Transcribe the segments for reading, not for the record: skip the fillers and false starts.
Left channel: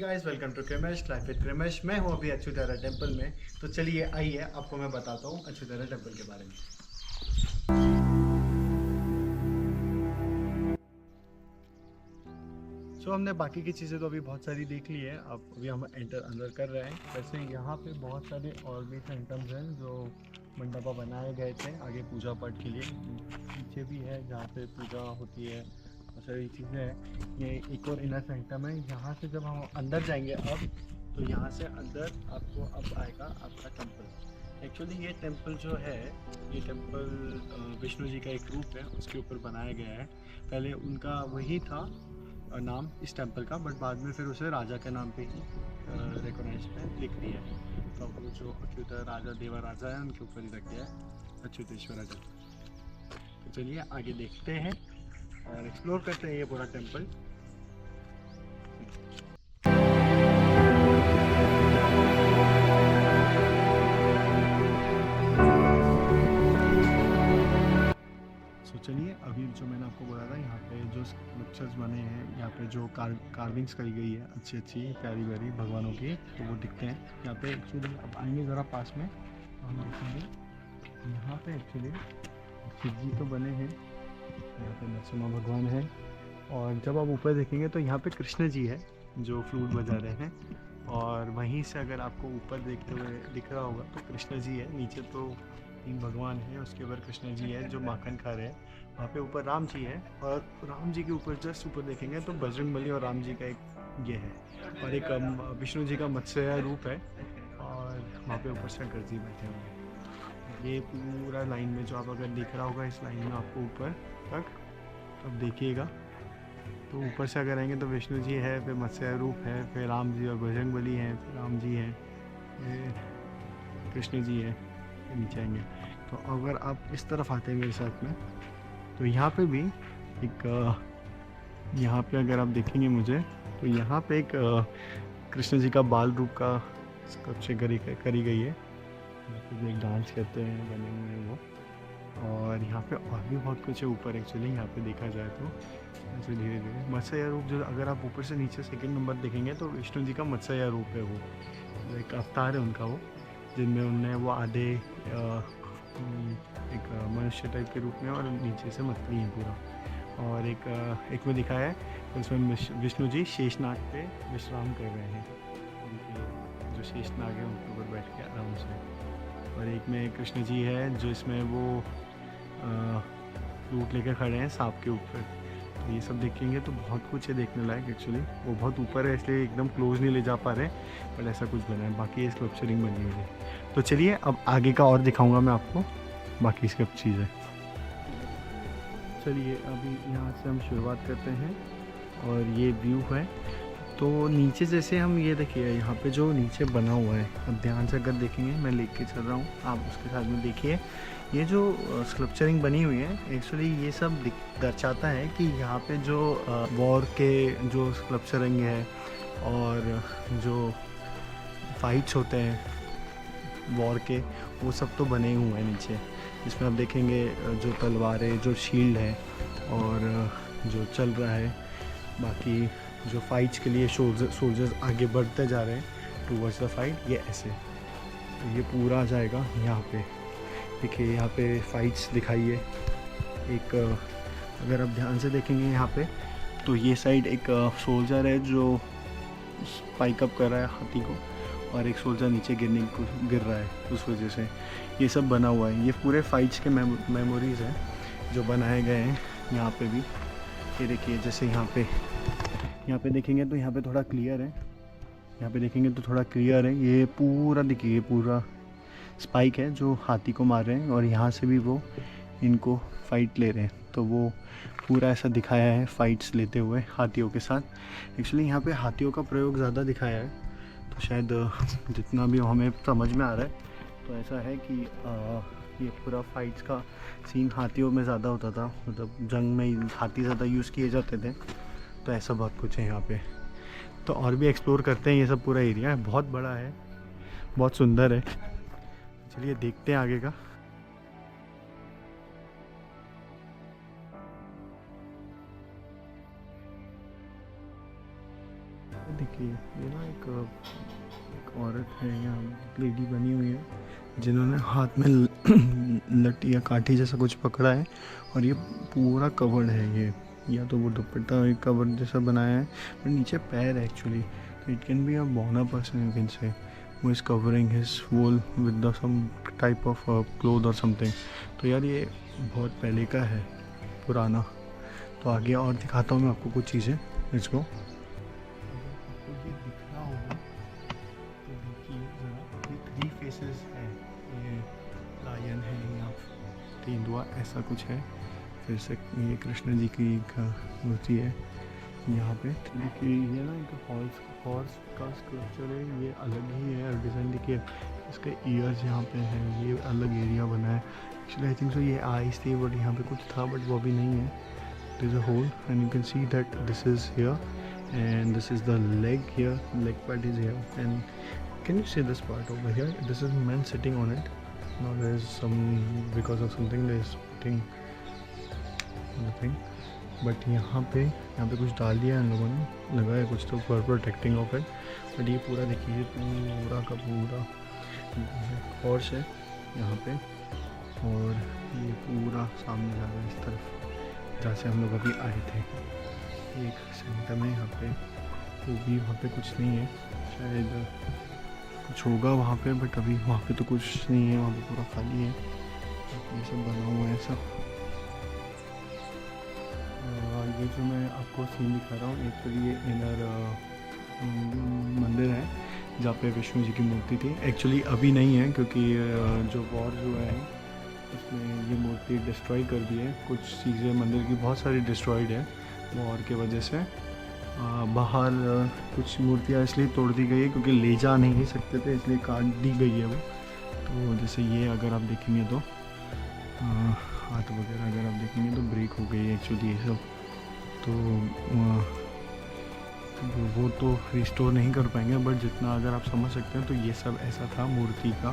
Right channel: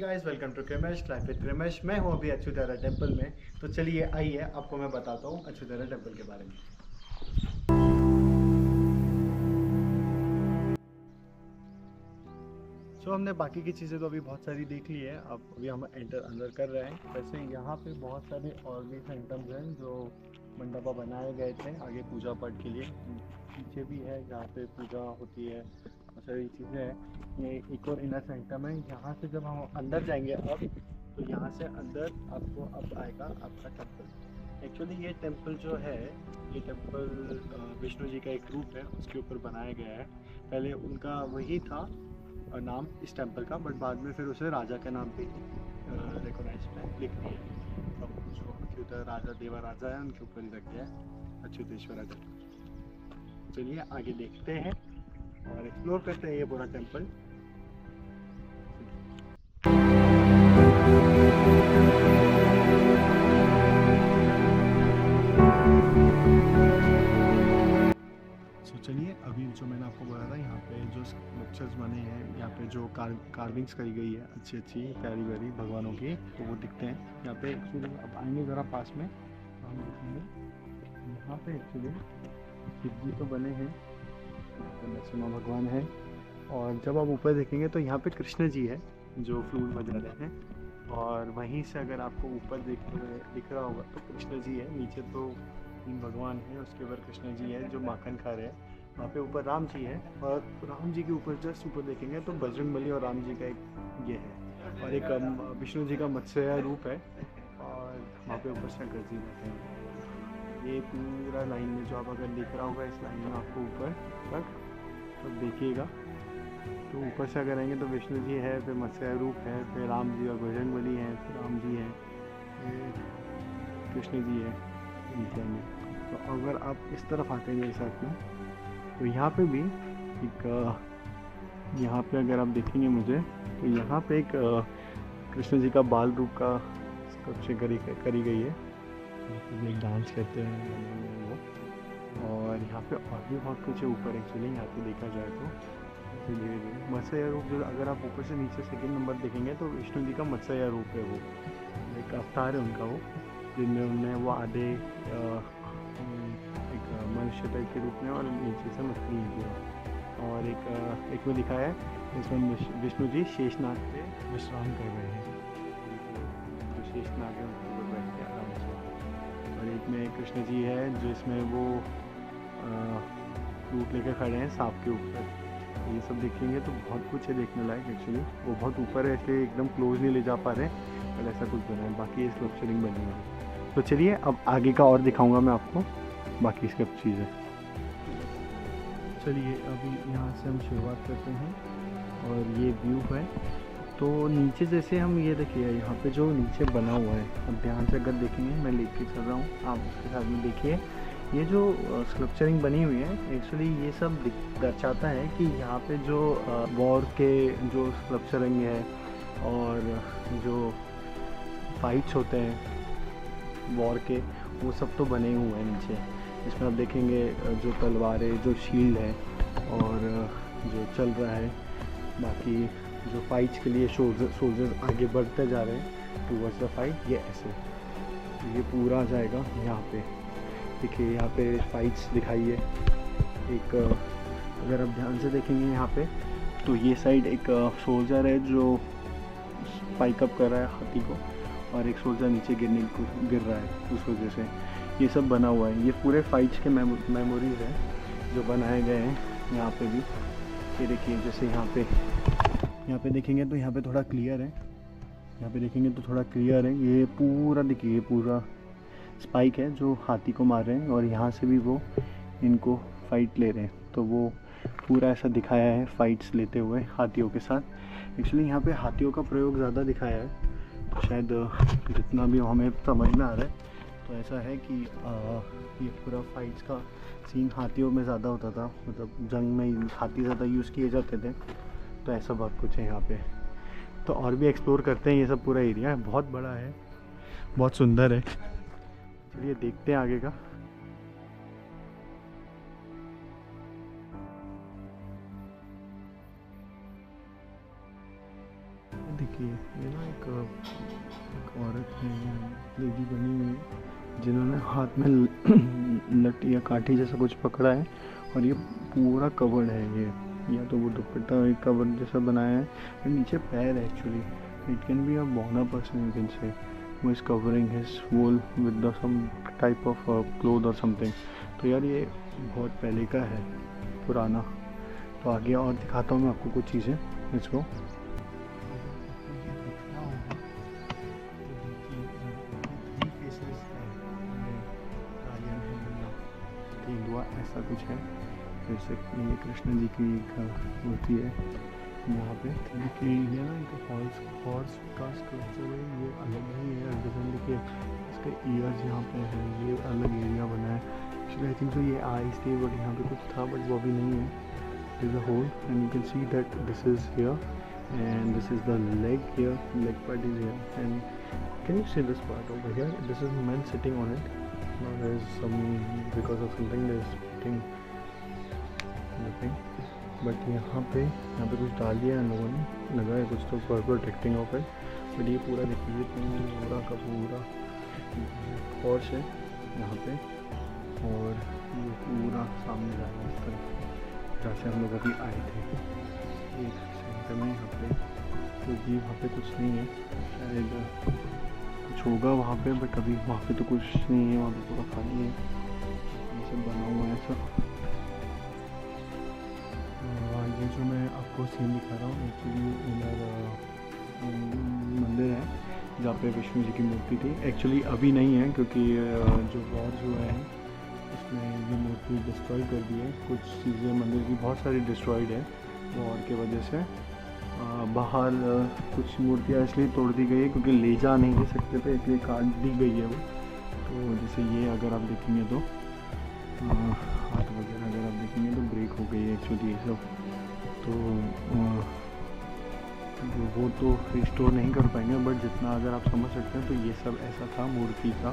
Guys, welcome to Krimesh life with Krimesh. मैं हूं अभी अच्युतारा टेम्पल में। तो चलिए आइए आपको मैं बताता हूं अच्युतारा टेम्पल के बारे में। हमने बाकी की चीज़ें तो अभी बहुत सारी देख ली है। अब अभी हम अंदर कर रहे हैं। वैसे यहाँ पे बहुत सारे और भी सेंटम्स हैं जो मंडपा बनाए गए थे आगे पूजा पाठ के लिए। पीछे भी है जहाँ पे पूजा होती है, बहुत सारी चीज़ें हैं। ये एक और इनर सेंटम है। यहाँ से जब हम अंदर जाएंगे अब, तो यहाँ से अंदर आपको अब आएगा आपका टेम्पल। एक्चुअली ये टेम्पल जो है, ये टेम्पल विष्णु जी का एक रूप है, उसके ऊपर बनाया गया है। पहले उनका वही था नाम इस टेम्पल का, बट बाद में फिर उसे राजा के नाम पे ही रिकॉग्नाइज में लिख दिया है। तो अब वो जो अच्युत राजा देवा राजा है उनके ऊपर ही रख दिया है अच्युतेश्वरा टेम्पल। तो चलिए आगे देखते हैं और एक्सप्लोर करते हैं ये पूरा टेम्पल। चलिए अभी जो मैंने आपको बोला था, यहाँ पे जो स्कल्पचर्स बने हैं, यहाँ पे जो कार्विंग्स करी गई है अच्छी अच्छी प्यारी प्यारी भगवानों की, तो वो दिखते हैं यहाँ पे। एक्चुअली अब आएंगे ज़रा पास में तो हम देखेंगे यहाँ पे एक्चुअली शिव जी तो बने हैं, यहाँ पे नरसिम्हा भगवान है। और जब आप ऊपर देखेंगे तो यहाँ पे कृष्ण जी है जो फ्लूट बजा रहे हैं। और वहीं से अगर आपको ऊपर देखते हुए दिख रहा होगा तो कृष्ण जी है। नीचे तो तीन भगवान हैं, उसके ऊपर कृष्ण जी है जो माखन खा रहे हैं। वहाँ पे ऊपर राम जी है, और राम जी के ऊपर जस्ट ऊपर देखेंगे तो बजरंगबली और राम जी का एक ये है, और एक विष्णु जी का मत्स्य रूप है। और वहाँ पे ऊपर शंकर जी बैठे हुए हैं। ये पूरा लाइन में जो आप अगर दिख रहा होगा, इस लाइन में आपको ऊपर तक अब देखिएगा तो ऊपर से अगर आएंगे तो विष्णु जी है, फिर मत्स्य रूप है, फिर राम जी और बजरंगबली हैं, फिर राम जी हैं, फिर कृष्ण जी है, फिर नीचे आएंगे। तो अगर आप इस तरफ आते हैं मेरे साथ में, तो यहाँ पे भी एक यहाँ पे अगर आप देखेंगे मुझे, तो यहाँ पे एक कृष्ण जी का बाल रूप का स्कल्पचर करी गई है। यहाँ पे भी एक डांस करते हैं बने हुए हैं वो। और यहाँ पे और भी बहुत कुछ है ऊपर। एक्चुअली यहाँ पे देखा जाए तो ऐसे धीरे धीरे मत्स्य रूप, जो अगर आप ऊपर से नीचे सेकंड नंबर देखेंगे तो विष्णु जी का मत्स्य रूप है। वो एक अवतार है उनका, वो जिनमें उनने वो आधे एक मनुष्य टाइप के रूप में, और नीचे से मछली है पूरा। और एक में दिखाया है उसमें विष्णु जी शेषनाग पे विश्राम कर रहे हैं। उनके जो शेषनाग है उनके ऊपर बैठ के आराम से। और एक में कृष्ण जी है जो इसमें वो फ्लूट लेकर खड़े हैं सांप के ऊपर। तो ये सब देखेंगे तो बहुत कुछ है देखने लायक। एक्चुअली वो बहुत ऊपर है इसलिए एकदम क्लोज नहीं ले जा पा रहे, पर ऐसा कुछ बना है। बाकी ये स्कल्पचरिंग बनी हुई है। तो चलिए अब आगे का और दिखाऊंगा मैं आपको बाकी सब चीज़ें। चलिए अभी यहाँ से हम शुरुआत करते हैं और ये व्यू है। तो नीचे जैसे हम ये देखिए, यहाँ पे जो नीचे बना हुआ है, अब ध्यान से अगर देखेंगे, मैं लेके के चल रहा हूँ, आप उसके साथ में देखिए। ये जो स्कल्पचरिंग बनी हुई है, एक्चुअली ये सब दर्शाता है कि यहाँ पे जो वॉर के जो स्कल्पचरिंग है और जो फाइट्स होते हैं वॉर के, वो सब तो बने हुए हैं नीचे। इसमें आप देखेंगे जो तलवारें, जो शील्ड है और जो चल रहा है। बाकी जो फाइट्स के लिए सोल्जर्स आगे बढ़ते जा रहे हैं टूवर्ड्स द फाइट, ये ऐसे ये पूरा आ जाएगा यहाँ पे। देखिए यहाँ पे फाइट्स दिखाई है। एक अगर आप ध्यान से देखेंगे यहाँ पे, तो ये साइड एक सोल्जर है जो स्पाइक अप कर रहा है हाथी को, और एक सोल्जर नीचे गिर रहा है, उस वजह से ये सब बना हुआ है। ये पूरे फाइट्स के मेमोरीज़ हैं जो बनाए गए हैं यहाँ पे भी। ये देखिए जैसे यहाँ पे देखेंगे तो यहाँ पे थोड़ा क्लियर है, यहाँ पे देखेंगे तो थोड़ा क्लियर है। ये पूरा देखिए, ये पूरा स्पाइक है जो हाथी को मार रहे हैं, और यहाँ से भी वो इनको फाइट ले रहे हैं। तो वो पूरा ऐसा दिखाया है फाइट्स लेते हुए हाथियों के साथ। एक्चुअली यहाँ पे हाथियों का प्रयोग ज़्यादा दिखाया है, तो शायद जितना भी हमें समझ में आ रहा है तो ऐसा है कि ये पूरा फाइट्स का सीन हाथियों में ज़्यादा होता था, मतलब जंग में हाथी ज़्यादा यूज़ किए जाते थे। तो ऐसा बहुत कुछ है यहाँ पे। तो और भी एक्सप्लोर करते हैं। ये सब पूरा एरिया है, बहुत बड़ा है, बहुत सुंदर है। चलिए देखते हैं आगे का। देखिए ये ना एक औरत है यहाँ, लेडी बनी हुई है जिन्होंने हाथ में लट्टी या काठी जैसा कुछ पकड़ा है और ये पूरा कवर्ड है ये, या तो वो दुपट्टा एक कवर जैसा बनाया है और नीचे पैर है actually. It can be a bona person you can say, who is covering his wool with the some type of cloth or something। तो यार ये बहुत पहले का है, पुराना। तो आगे और दिखाता हूँ मैं आपको कुछ चीज़ें इसको। अगर आपको ये दिख रहा होगा तो देखिए ये 3 फेसेस है, ये लायन है या तेंदुआ ऐसा कुछ है। फिर से ये कृष्ण जी की एक मूर्ति है यहाँ पे। देखिए ये ना एक हॉर्स का स्कल्पचर है, ये अलग ही है डिज़ाइन। देखिए इसके ईयर्स यहाँ पे है, ये अलग एरिया बना है। एक्चुअली आई थिंक सो ये आईज थी बट यहाँ पे कुछ था बट वो अभी नहीं है। It is a hole and you can see that this is here and this is the leg here, leg part is here and can you see this part over here, this is man sitting on it. Now there is some because of something there is sitting nothing, but यहाँ पे कुछ डाल दिया है इन लोगों ने, लगा है कुछ तो for protecting of it. But ये पूरा देखिए पूरा का पूरा हॉर्स है यहाँ पे और ये पूरा सामने जा रहा है इस तरफ जहाँ से हम लोग अभी आए थे। एक सेंटर में यहाँ पे तो भी वहाँ पे कुछ नहीं है, शायद कुछ होगा वहाँ पे बट अभी वहाँ पे तो कुछ नहीं है, वहाँ पे पूरा खाली है। ये सब बना हुआ है सब। ये जो मैं आपको सीन दिखा रहा हूँ, एक तो ये इनर मंदिर है जहाँ पे विष्णु जी की मूर्ति थी। एक्चुअली अभी नहीं है क्योंकि जो वॉर जो है उसमें ये मूर्ति डिस्ट्रॉय कर दी है। कुछ चीज़ें मंदिर की बहुत सारी डिस्ट्रॉयड है वॉर के वजह से। बाहर कुछ मूर्तियाँ इसलिए तोड़ दी गई है क्योंकि ले जा नहीं ले सकते थे, इसलिए काट दी गई है वो। तो जैसे ये अगर आप देखेंगे तो हाथ वगैरह अगर आप देखेंगे तो ब्रेक हो गई है एक्चुअली ये सब। तो वो तो रिस्टोर नहीं कर पाएंगे बट जितना अगर आप समझ सकते हैं तो ये सब ऐसा था मूर्ति का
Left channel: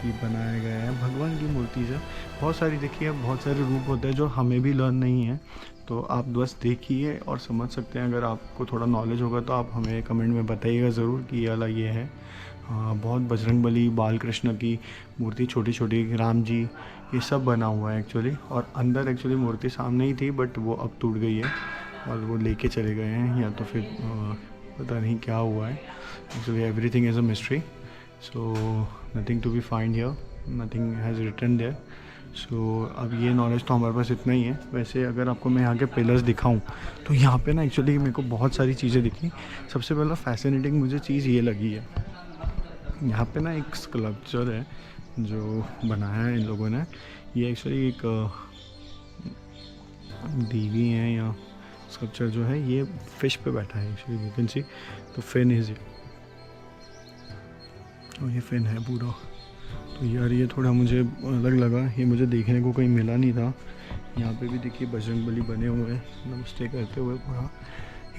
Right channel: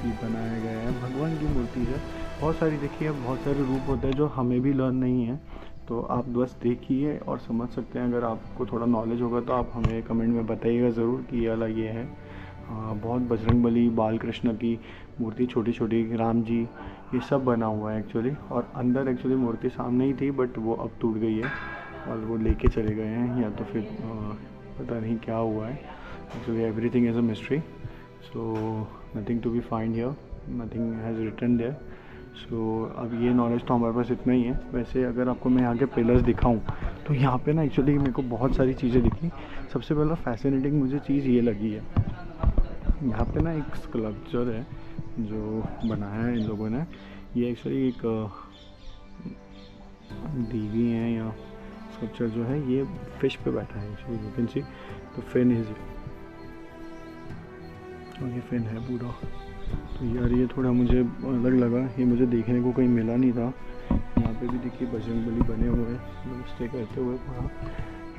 कि बनाया गया है भगवान की मूर्ति से। बहुत सारी देखिए बहुत सारे रूप होते हैं जो हमें भी लर्न नहीं है, तो आप बस देखिए और समझ सकते हैं। अगर आपको थोड़ा नॉलेज होगा तो आप हमें कमेंट में बताइएगा ज़रूर कि ये वाला ये है। बहुत बजरंगबली, बाल कृष्ण की मूर्ति, छोटी छोटी राम जी, ये सब बना हुआ है एक्चुअली। और अंदर एक्चुअली मूर्ति सामने ही थी बट वो अब टूट गई है और वो लेके चले गए हैं, या तो फिर पता नहीं क्या हुआ है। Actually everything is a mystery, so nothing to be find here, nothing has written there. सो अब ये नॉलेज तो हमारे पास इतना ही है। वैसे अगर आपको मैं यहाँ के पिलर्स दिखाऊं तो यहाँ पे ना एक्चुअली मेरे को बहुत सारी चीज़ें दिखी। सबसे पहला फैसिनेटिंग मुझे चीज़ ये लगी है, यहाँ पे ना एक स्कल्पचर है जो बनाया है इन लोगों ने। ये एक्चुअली एक देवी है या स्कल्पचर जो है ये फिश पे बैठा है एक्चुअली, यू कैन सी तो फिन इज, और ये फिन है पूरा। तो यार ये थोड़ा मुझे अलग लगा, ये मुझे देखने को कहीं मिला नहीं था। यहाँ पे भी देखिए बजरंगबली बने हुए हैं नमस्ते करते हुए, पूरा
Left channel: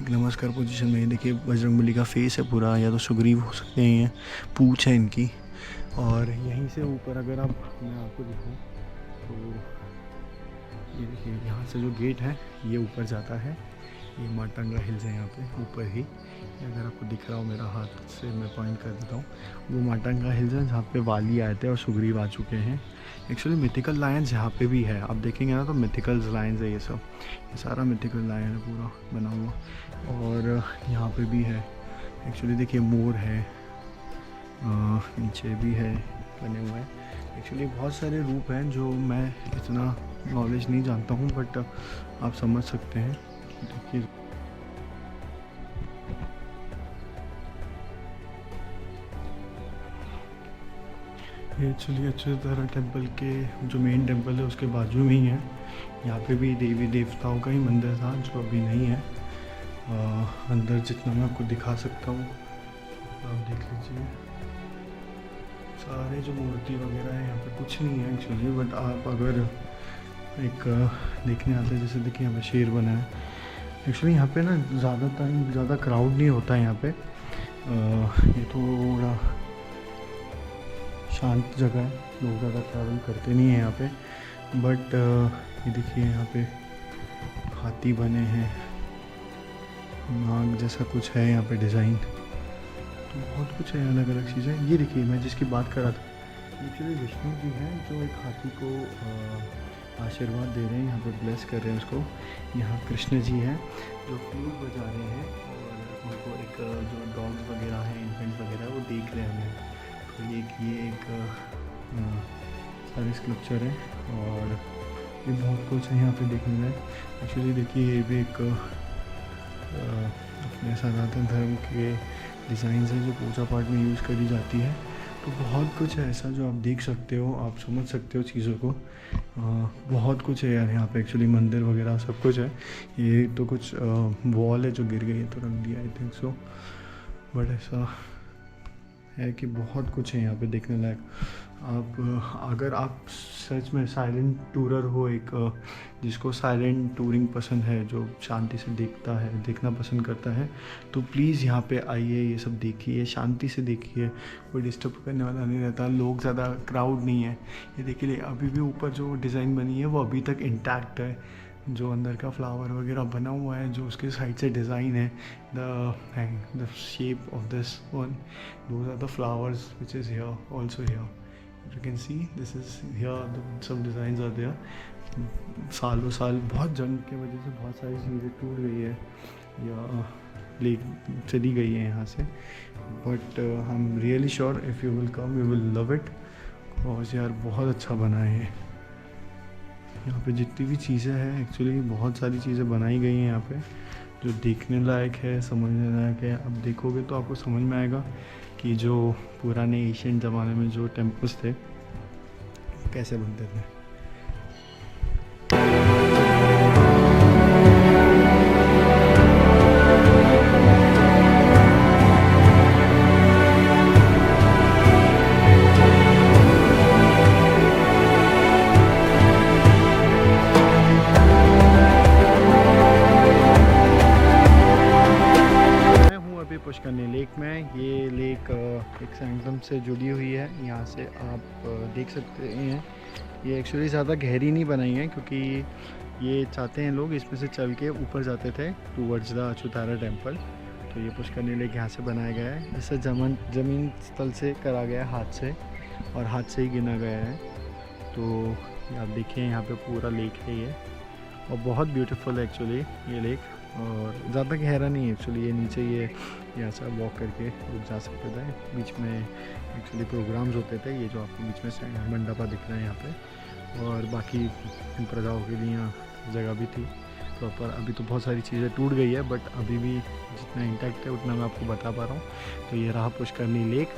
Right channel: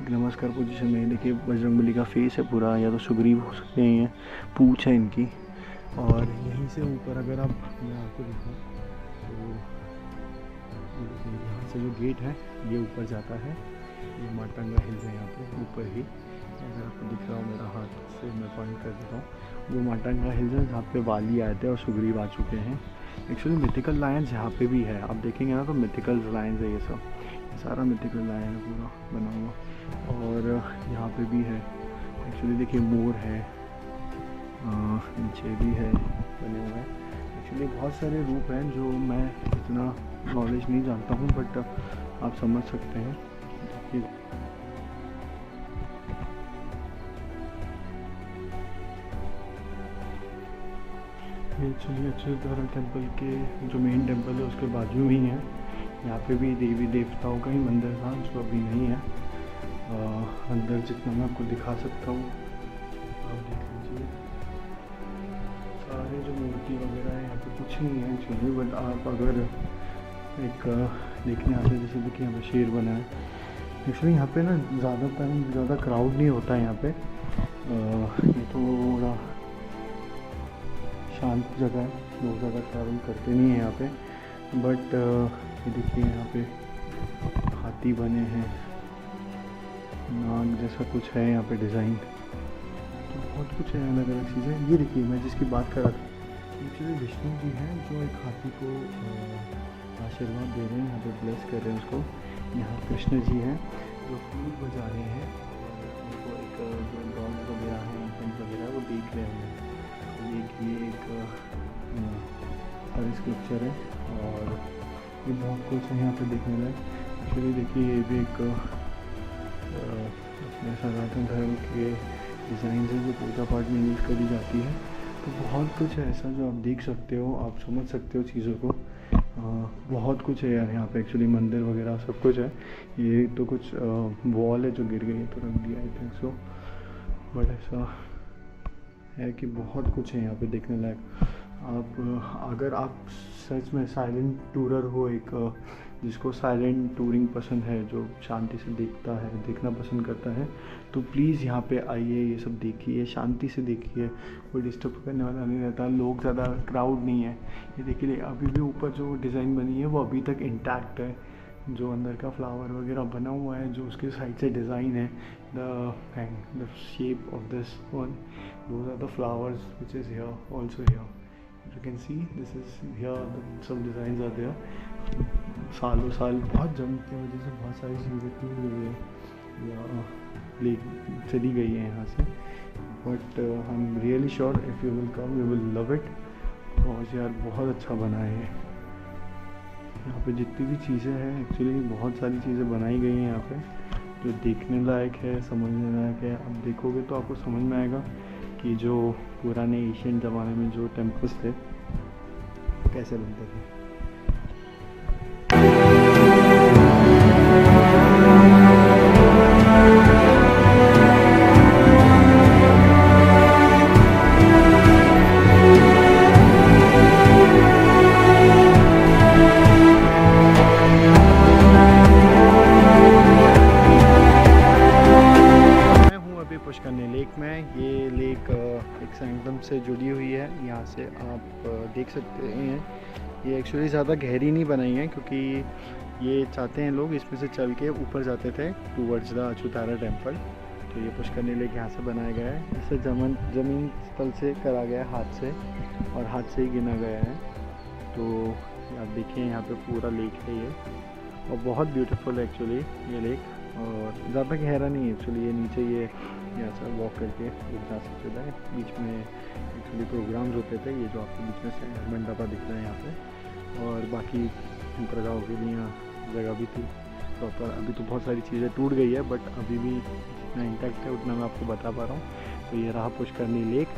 एक नमस्कार पोजीशन में। देखिए बजरंगबली का फेस है पूरा, या तो सुग्रीव हो सकते हैं, ये पूंछ है इनकी। और यहीं से ऊपर अगर आप मैं आपको दिखाऊँ तो ये देखिए यहाँ से जो गेट है ये ऊपर जाता है, ये माटंगा हिल्स है यहाँ पे ऊपर ही। अगर आपको दिख रहा हो मेरा हाथ से मैं पॉइंट कर देता हूँ, वो माटंगा हिल्स है जहाँ पे वाली आए थे और सुग्रीव आ चुके हैं। एक्चुअली मिथिकल लायंस यहाँ पे भी है, आप देखेंगे ना तो मिथिकल लायंस है ये सब, ये सारा मिथिकल लायन है पूरा बना हुआ। और यहाँ पे भी है एक्चुअली, देखिए मोर है, नीचे भी है बने हुए। एक्चुअली बहुत सारे रूप हैं जो मैं इतना नॉलेज नहीं जानता हूँ बट आप समझ सकते हैं। देखिए ये एक्चुअली अच्युतारा टेम्पल के जो मेन टेम्पल है उसके बाजू में ही है। यहाँ पे भी देवी देवताओं का ही मंदिर था जो अभी नहीं है। अंदर जितना मैं आपको दिखा सकता हूँ आप देख लीजिए, सारे जो मूर्ति वगैरह है यहाँ पे कुछ नहीं है एक्चुअली। बट आप अगर एक देखने आते हैं, जैसे देखिए यहाँ पे शेर बना है। एक्चुअली यहाँ पे ना ज़्यादा क्राउड नहीं होता है यहाँ पे, ये थोड़ा शांत जगह है, लोग ज़्यादा ट्रैवल करते नहीं हैं यहाँ पे। बट ये देखिए यहाँ पे हाथी बने हैं नाग जैसा कुछ है यहाँ पे डिज़ाइन, तो बहुत कुछ है अलग अलग चीज़ें। ये देखिए मैं जिसकी बात कर रहा था, एक्चुअली विष्णु जी हैं जो एक हाथी को आशीर्वाद दे रहे हैं, यहाँ पे ब्लेस कर रहे हैं उसको। यहाँ कृष्ण जी हैं जो फ्लूट बजा रहे हैं और उनको एक जो डॉग्स वगैरह हैं, इन्फेंट्स वगैरह, वो देख रहे हैं। तो ये एक सारी स्कल्पचर है और ये बहुत कुछ है यहाँ पे देखने में। एक्चुअली देखिए ये भी एक अपने सनातन धर्म के डिज़ाइन है जो पूजा पाठ में यूज़ करी जाती है। तो बहुत कुछ है ऐसा जो आप देख सकते हो, आप समझ सकते हो चीज़ों को। बहुत कुछ है यार यहाँ पे, एक्चुअली मंदिर वगैरह सब कुछ है। ये तो कुछ वॉल है जो गिर गई है तो रख दिया, आई थिंक सो। बट ऐसा है कि बहुत कुछ है यहाँ पे देखने लायक। अगर आप सच में साइलेंट टूरर हो, एक जिसको साइलेंट टूरिंग पसंद है, जो शांति से देखना पसंद करता है, तो प्लीज़ यहाँ पे आइए, ये सब देखिए, शांति से देखिए, कोई डिस्टर्ब करने वाला नहीं रहता, लोग ज़्यादा क्राउड नहीं है। ये देखिए अभी भी ऊपर जो डिज़ाइन बनी है वो अभी तक इंटैक्ट है, जो अंदर का फ्लावर वगैरह बना हुआ है, जो उसके साइड से डिज़ाइन है, the shape of this one, those are the flowers which is here also here. You can see this is here, some designs are there. सालों साल बहुत जंग की वजह से बहुत सारी चीज़ें टूट गई है या ले चली गई है यहाँ से। But I am really sure if you will come you will love it. और यार बहुत अच्छा बना है यहाँ पे, जितनी भी चीज़ें हैं एक्चुअली बहुत सारी चीज़ें बनाई गई हैं यहाँ पे जो देखने लायक है, समझने लायक है। अब देखोगे तो आपको समझ में आएगा कि जो पुराने एशियन ज़माने में जो टेम्पल्स थे कैसे बनते थे। पुष्करनी लेक में, ये लेक एक संगम से जुड़ी हुई है। यहाँ से आप देख सकते हैं, ये एक्चुअली ज़्यादा गहरी नहीं बनाई है क्योंकि ये चाहते हैं लोग इसमें से चल के ऊपर जाते थे टूवर्ड्स द अच्युतारा टेम्पल। तो ये पुष्करनी लेक यहाँ से बनाया गया है, इसे ज़मीन स्थल से करा गया है, हाथ से, और हाथ से ही गिना गया है। तो आप देखिए यहाँ पे पूरा लेक है ये, और बहुत ब्यूटीफुल है एक्चुअली ये लेक, और ज़्यादा गहरा नहीं है एक्चुअली। ये नीचे ये यहाँ से वॉक करके रुक जा सकते थे। बीच में एक्चुअली प्रोग्राम्स होते थे, ये जो आपको बीच में मंडपा दिख रहा है यहाँ पे, और बाकी प्रजाओं के लिए यहाँ जगह भी थी प्रॉपर। अभी तो बहुत सारी चीज़ें टूट गई है बट अभी भी जितना इंटैक्ट है उतना मैं आपको बता पा रहा हूँ। तो ये रहा पुष्करनी लेक।